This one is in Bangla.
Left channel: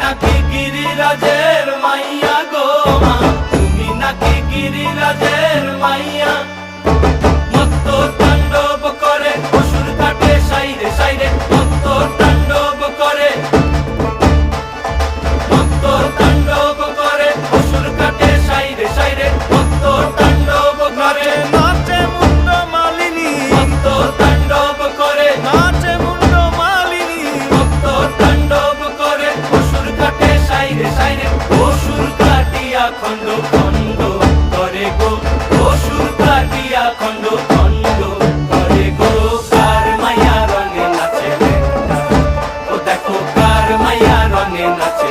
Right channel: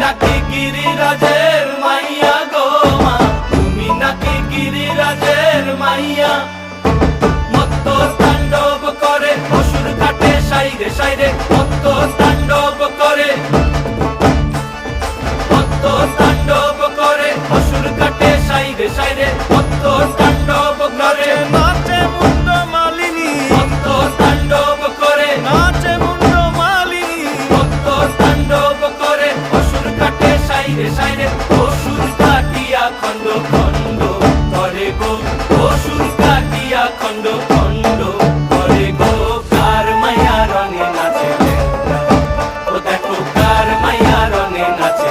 নাকি গিরিরাজের মাইয়া গো মা, তুমি নাকি গিরিরাজের মাইয়া। মত্ত তাণ্ডব করে অসুর কাটে সাইরে সাইরে, মত্ত তাণ্ডব করে, মত্ত তাণ্ডব করে অসুর কাটে সাইরে সাইরে, মত্ত তাণ্ডব করে। নাচে মুন্ড মালিনী, মত্ত তাণ্ডব করে, নাচে মুন্ড মালিনী, মত্ত তাণ্ডব করে অসুর কাটে সাইরে সাইরে, অসুর কাটিয়া খণ্ড খণ্ড করে গো, অসুর কাটিয়া খণ্ড খণ্ড করে গো। কার মাইয়া রঙে নাচে লেঙ্গা, ও দেখো কার মাইয়া রঙে নাচে